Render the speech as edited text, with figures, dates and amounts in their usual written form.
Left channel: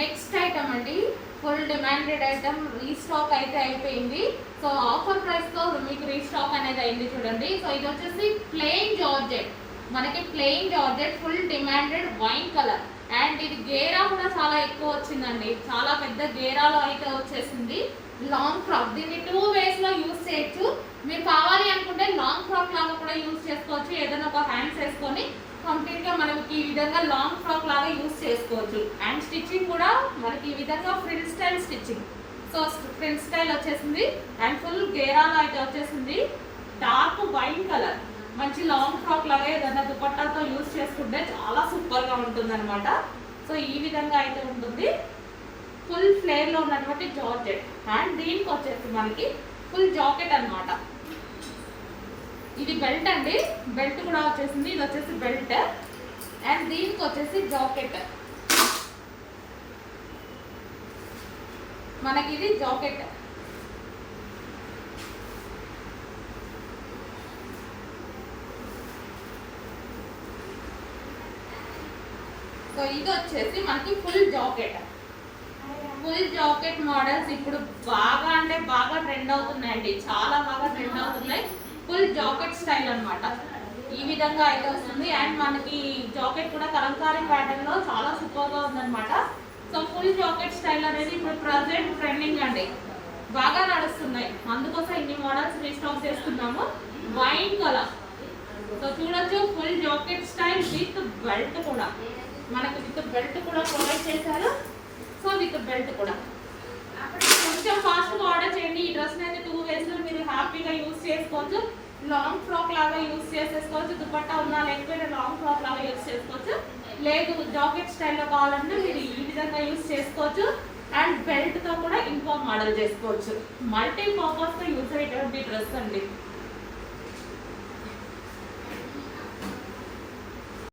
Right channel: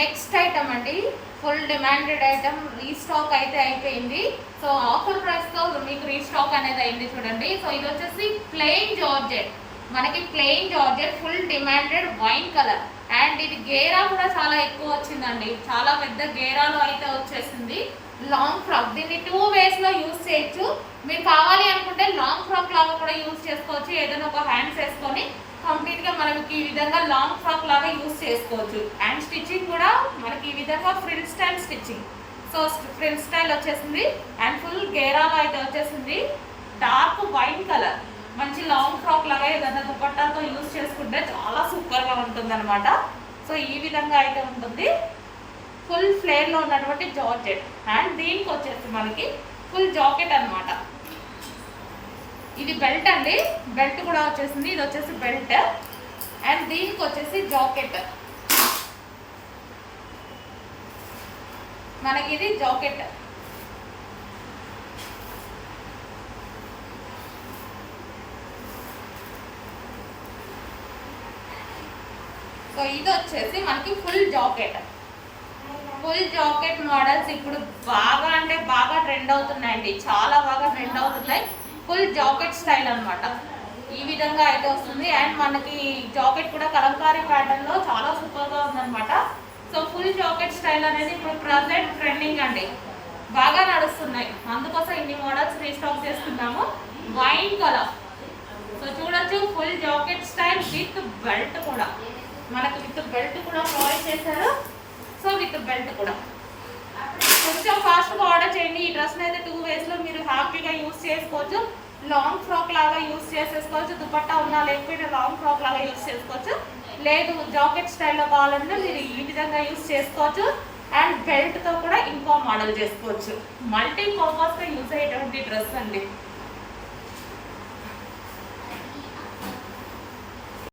Next item అండి, full demanded item, restock అయితే అయిపోయింది. సో ఆఫర్ ప్రైస్తో మీకు రీస్టాక్ అనేది అయింది చూడండి. సో ఇది వచ్చేసి ప్లెయిన్ జార్జెట్, మనకి plain georgette full demanded wine colour. And ఇది గేరా కూడా చాలా ఎక్కువ వచ్చిందండి, చాలా పెద్ద గేరాలో అయితే వచ్చేసింది. లాంగ్ ఫ్రాక్, దీన్ని 2 వేస్లో యూజ్ చేయొచ్చు. మీరు కావాలి అనుకుంటే లాంగ్ ఫ్రాక్ లాగా కూడా యూజ్ చేసుకోవచ్చు. ఏదైనా ఒక హ్యాండ్స్ వేసుకొని కంప్లీట్గా మనకి ఈ విధంగా లాంగ్ ఫ్రాక్ లాగా యూజ్ చేసుకోవచ్చు. అండ్ స్టిచ్చింగ్ కూడా మనకి ఈ విధంగా frill style stitching. So frill style వచ్చేసింది అండ్ ఫుల్ గేరాలో అయితే వచ్చేసింది. డార్క్ వైన్ కలర్, మంచి లాంగ్ ఫ్రాక్ లాగా ఏదైనా దుపట్టాతో యూజ్ చేసుకుంటే చాలా సూపర్గా ఉంటుంది అనమాట. సో ఈ విధంగా అయితే ఉంటుంది, ఫుల్ ఫ్లేర్లో ఉన్నటువంటి జార్జెట్. అండ్ దీనికి వచ్చేసి మనకి ఫుల్ జాకెట్ అనమాట. ఇది బెల్ట్ అండి, బెల్ట్ కూడా వచ్చేసింది. ఇది వచ్చేసి బెల్ట్ అండ్ దీనికి వచ్చేసి జాకెట్. మనకి ఇది జాకెట్. సో ఇది వచ్చేసి మనకి full jacket. Full jacket models ఇప్పుడు బాగా అంటే బాగా ట్రెండ్ అవుతున్నాయండి, చాలా బాగా ట్రెండ్ అవుతున్నాయి. ఫుల్ జాకెట్ స్టైల్ అనమాట, ఈ విధంగా అయితే వస్తుంది. అండ్ మనకి జాకెట్ కూడా కలంకారీ ప్యాటర్న్లో చాలా సూపర్గా ఉందన్నమాట. సో ఫుల్ జాకెట్ స్టైల్ అనేది ఇప్పుడు ప్రజెంట్ ట్రెండింగ్ అండి, బాగా నడుస్తున్నాయి. అందుకోసం ఇన్ని మోడల్స్ రీస్టాక్ చేస్తున్నాము. వైన్ కలర్, సో చూడొచ్చు full jacket style with belt కూడా, మనకి విత్ బెల్ట్ కూడా ప్రొవైడ్ చేశారు. సో విత్ బెల్ట్ కూడా కొంచెం ఫాస్ట్గా ఆర్డర్ చేయండి. ఈ డ్రెస్ని అయితే 2 వేస్లో మీరు హ్యాపీగా యూజ్ చేసుకోవచ్చు. లాంగ్ ఫ్రాక్ లాగా యూజ్ చేసేసుకోవచ్చు, దుపట్టా ఉన్నా లేకపోయినా లాంగ్ ఫ్రాక్ లాగా యూజ్ చేసుకోవచ్చు. లేదు జాకెట్ స్టైల్లో కావాలంటే మీరు ఈ విధంగా యూజ్ చేసుకోవచ్చు. అండ్ బెల్ట్తో కూడా ఇంకో మోడల్ చేసుకోవచ్చు. మల్టీ పర్పస్గా యూజ్ అయ్యేటువంటి డ్రెస్ అండి.